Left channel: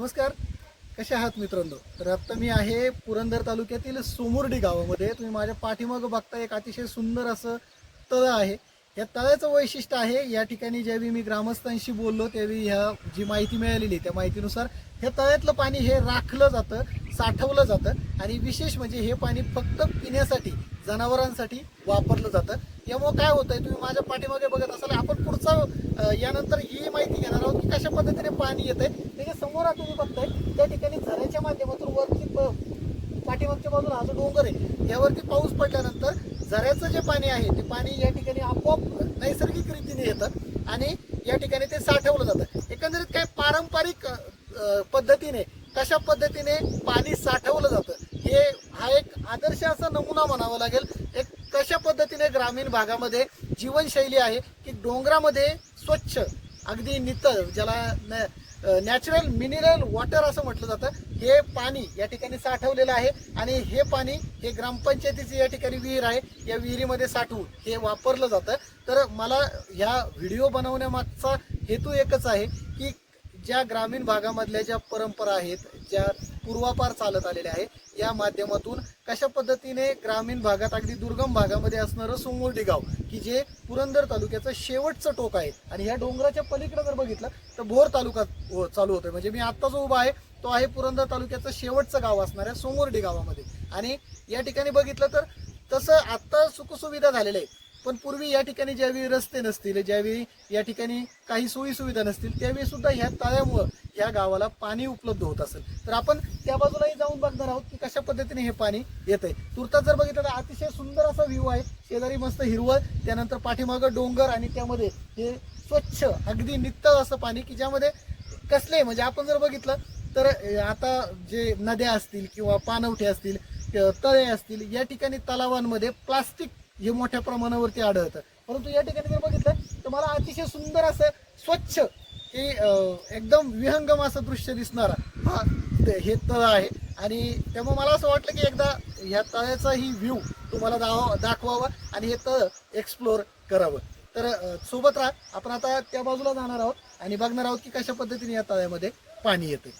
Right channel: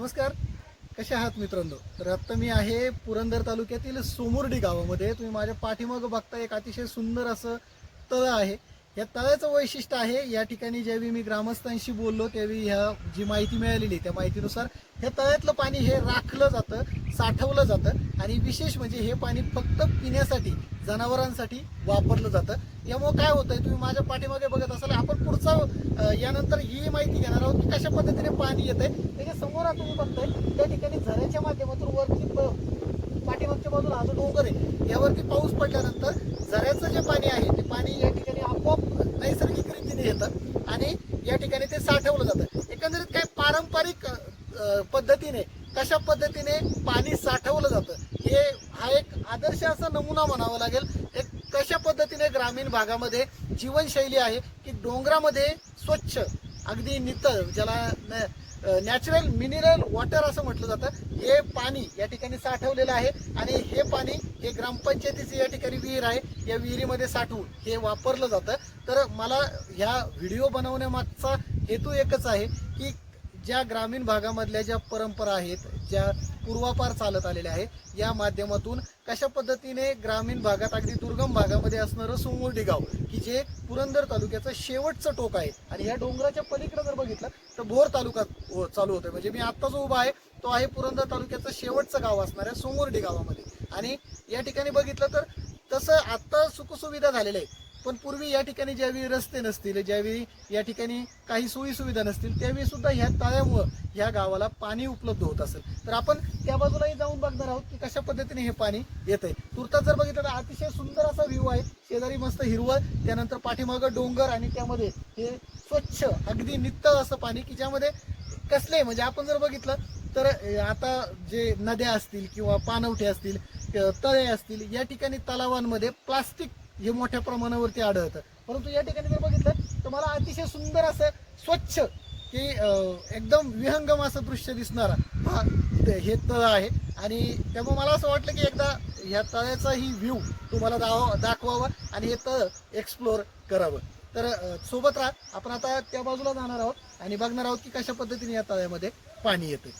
नमस्कार. कसे आहात मित्रांनो? तर आत्ता मी आहे पुरंदर तालुक्यातील सोमुर्डी गावामध्ये. तुम्ही माझ्या पाठीमागं बघता एक अतिशय सुंदर असं तळं आहे. या तळ्याचं वैशिष्ट्य आहे या ठिकाणी ज्यावेळी मी ग्रामस्थांशी बोललो त्यावेळी ह्या जी माहिती मिळालेली त्या माहितीनुसार ह्या तळ्यातलं पाणी हे राखलं जातं साठवलं जातं आणि विशेष म्हणजे हे पाणी फक्त पिण्यासाठी जनावरांसाठी वापरलं जातं. त्यामुळे काय होतंय तुम्ही माझ्या पाठीमागे बघत असाल. आपण पुढचा यानंतर ही माहिती घेणार आहोत की कशा पद्धतीने पाणी येत आहे त्याच्यासमोर आता तुम्ही बघताय त्या ठिकाणी झऱ्याच्या माध्यमातून वरती प- पाठीमागच्या बाजूला हा जो डोंगर आहे यावरती पाऊस पडल्यानंतर झऱ्याचं जे पाणी आहे ते पाणी या ठिकाणी आपोआप नैसर्गिक रीतीने येतं आणि या ठिकाणी ते साठवलं जातं. एकंदरीत काय पारंपरिक पद्धतीने कशा पद्धतीने पाणी साठवलं जातं हे हा एक आदर्श असा नमुना म्हणावा लागेल. एक कशा पद्धतीने ग्रामीण भागामध्ये जीवनशैली आहे की डोंगरामध्ये स्वच्छ अगदी नितळ ज्याला नॅचरल मिनरल वॉटर असं म्हटलं जातं हे पाणी या ठिकाणी साठवलेलं आहे आणि हे पाणी हे ग्रामपंचायतीची या ठिकाणी विहीर आहे. या विहिरीमध्ये साठवून हे वापरलं जातं. तर मला ह्या व्हिडिओ बनवण्यामागचा हेतू एकच आहे ज्या ग्रामीण भागामधल्या ज्या परंपरा आहेत ज्या पूर्वापार चालत आलेल्या आहे या माध्यमातून कशा पद्धतीने ग्रामीण भागात अगदी दुर्गम भागामध्ये असणारं सोंगोर्डी गाव की जे पुरंदर तालुक्याचं शेवटचं टोक आहे आणि या डोंगराच्या पलीकडे जर बघितलं तर भोर तालुका हो- चालू होतोय. म्हणजे मी आत्ता जो उभा आहे तो आहे पुरंदर तालुक्याचं शेवटचं गाव असणाऱ्या सोंगोर्डी गावामध्ये. आणि या ठिकाणी बघितलं तर तसं आत्ता सुखसुविधा झालेल्या आहे पण पूर्वी या ठिकाणी ज्यावेळी रस्ते नसतील ज्यावेळी या ठिकाणी काही सोयी सुविधा नसतील त्यावेळी सुद्धा ह्या तळ्यामुळं ह्या गावाला पाणी उपलब्ध होत असेल. तर आपण त्या बाजूलाही जाऊन बघणार आहोत की कशा पद्धतीने हे पाणी येत आहे. तुर्तास जर बघितलं तर अतिशय सुंदर असा व्ह्यू आहे. शेजारी मस्त हिरवळ त्यानंतर पाठीमागं डोंगर आणि त्यामध्ये हे स्वच्छ अगदी नित्तळ असं पाणी की ज्यामध्ये कसले म्हणजे आपण जर बघितलं तर आता जे नद्या असतील किंवा पाणवठे असतील तळे असतील या ठिकाणी तलावांमध्ये प्लास्टिक हे मोठ्या प्रमाणावरती आढळतं. परंतु या ठिकाणी जर बघितलं तर मला अतिशय सुंदर असं स्वच्छ की एकदम विहंगम असं दृश्य दिसणारा हा ते- हे तळ आहे. आणि त्यामुळे मला असं वाटलं की एकदा ह्या तळ्याचा ही व्ह्यू तुम्हाला दाव दाखवावा आणि हे तळ एक्सप्लोअर करावं. तर सोबत राहा. आपण आता त्या बाजूला जाणार आहोत आणि बघणार आहोत की कशा पद्धतीने या तळ्यामध्ये पाणी येते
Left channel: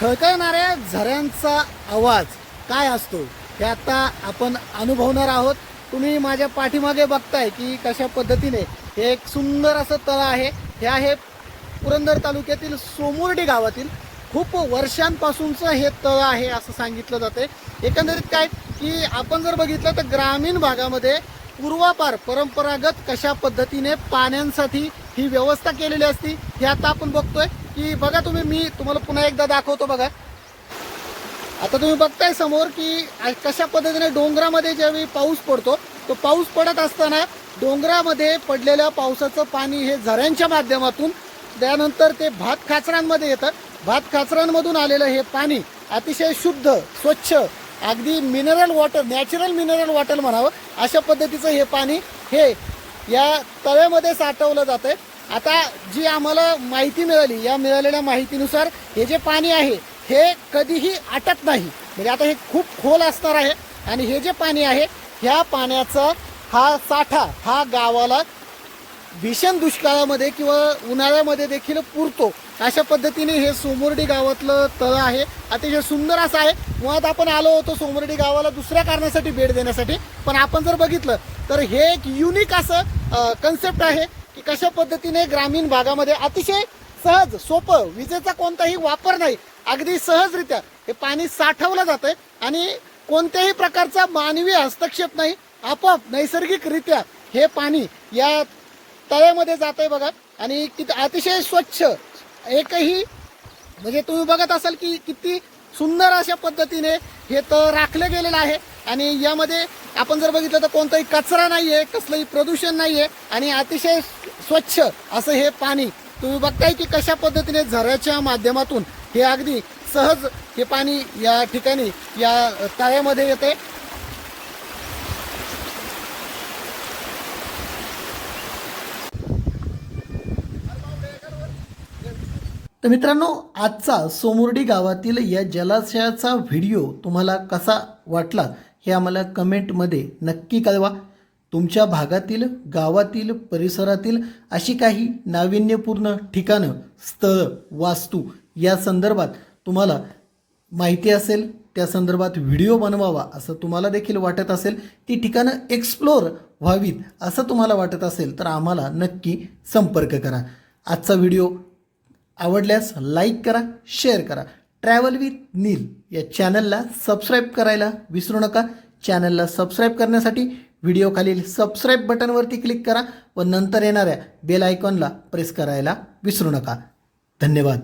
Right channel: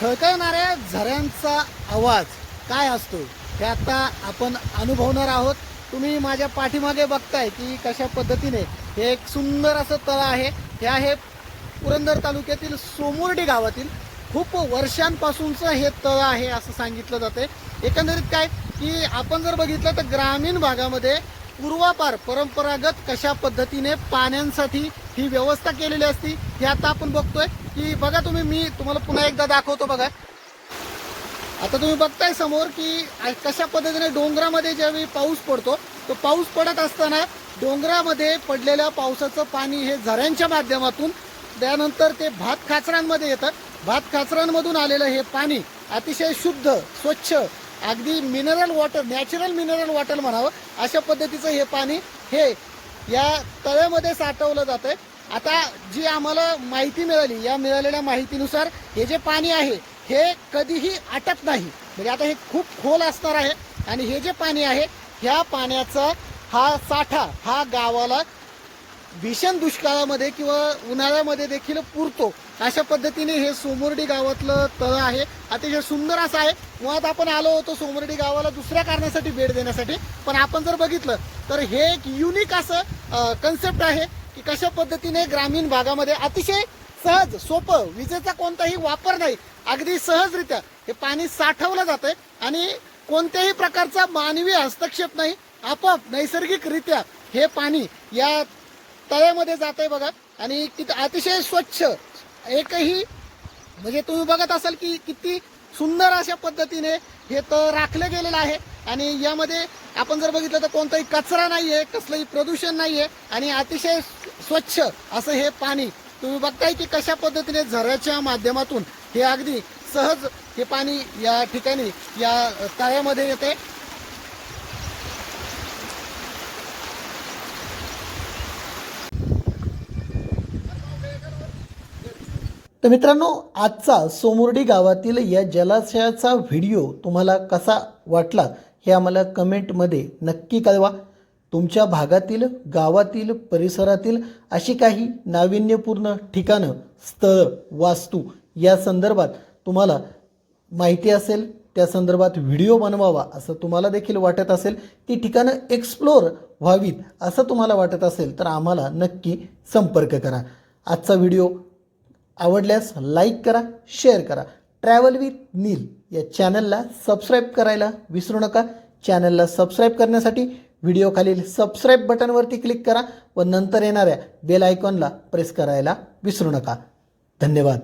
खळखळणाऱ्या झऱ्यांचा आवाज काय असतो हे आता आपण अनुभवणार आहोत. तुम्ही माझ्या पाठीमागे बघताय की कशा पद्धतीने हे एक सुंदर असं तळ आहे. हे आहे पुरंदर तालुक्यातील सोमुर्डी गावातील खूप वर्षांपासूनचं हे तळ आहे असं सांगितलं जाते एकंदरीत काय की आपण जर बघितलं तर ग्रामीण भागामध्ये पूर्वापार परंपरागत कशा पद्धतीने पाण्यांसाठी ही व्यवस्था केलेली असती हे आता आपण बघतोय. की बघा तुम्ही मी तुम्हाला पुन्हा एकदा दाखवतो बघा. आता तुम्ही बघताय समोर की कशा पद्धतीने डोंगरामध्ये ज्यावेळी पाऊस पडतो तो पाऊस पडत असताना डोंगरामध्ये पडलेल्या पावसाचं पाणी हे झऱ्यांच्या माध्यमातून त्यानंतर ते भात खाचरांमध्ये येतं. भात खाचरांमधून आलेलं हे पाणी अतिशय शुद्ध स्वच्छ अगदी mineral water natural mineral water म्हणावं अशा पद्धतीचं हे पाणी हे या तळ्यामध्ये साठवलं जातंय. आता जी आम्हाला माहिती मिळाली या मिळालेल्या माहितीनुसार हे जे पाणी आहे हे कधीही आटत नाही. म्हणजे आता हे खूप खोल असणार आहे आणि हे जे पाणी आहे ह्या पाण्याचा हा साठा हा गावाला भीषण दुष्काळामध्ये किंवा उन्हाळ्यामध्ये देखील पुरतो. अशा पद्धतीने हे सोमुर्डी गावातलं तळ आहे. अतिशय सुंदर असं आहे. मुळात आपण आलो होतो सोमुर्डी गावाला दुसऱ्या कारणासाठी भेट देण्यासाठी. पण आपण जर बघितलं तर हे एक युनिक असं कन्सेप्ट आहे. कशा पद्धतीने ग्रामीण भागामध्ये अतिशय सहज सोपं विजेचा कोणताही वापर नाही अगदी सहजरित्या हे पाणी साठवलं जातंय आणि कोणत्याही प्रकारचा मानवी हस्तक्षेप नाही आपोआप नैसर्गिकरित्या हे पाणी या तळ्यामध्ये जात आहे बघा. आणि किती अतिशय स्वच्छ एकही म्हणजे तुम्ही बघत असाल की किती सुंदर अशा पद्धतीने हे तर राखलं गेलेलं आहे. आणि यामध्ये आपण जर बघितलं तर कोणताही कचरा नाहीये कसलंही प्रदूषण नाहीये आणि अतिशय स्वच्छ असं हे पाणी तुम्ही बघताय की कशा पद्धतीने झऱ्याच्या माध्यमातून हे अगदी सहज हे पाणी या ठिकाणी या तळ्यामध्ये येते तर मित्रांनो आजचा सोमुर्डी गावातील या जलाशयाचा व्हिडिओ तुम्हाला कसा वाटला हे आम्हाला कमेंटमध्ये नक्की कळवा. तुमच्या भागातील गावातील परिसरातील अशी काही नाविन्यपूर्ण ठिकाणं स्थळं वास्तू या संदर्भात तुम्हाला माहिती असेल त्या संदर्भात व्हिडिओ बनवावा असं तुम्हाला देखील वाटत असेल ती ठिकाणं एक्सप्लोअर व्हावीत असं तुम्हाला वाटत असेल तर आम्हाला नक्की संपर्क करा. आजचा व्हिडिओ आवडल्यास लाईक करा शेअर करा. ट्रॅव्हल विथ नील या चॅनलला सबस्क्राईब करायला विसरू नका. चॅनलला सबस्क्राईब करण्यासाठी व्हिडिओ खालील सबस्क्राईब बटनवरती क्लिक करा व नंतर येणाऱ्या बेल आयकॉनला प्रेस करायला विसरू नका. धन्यवाद.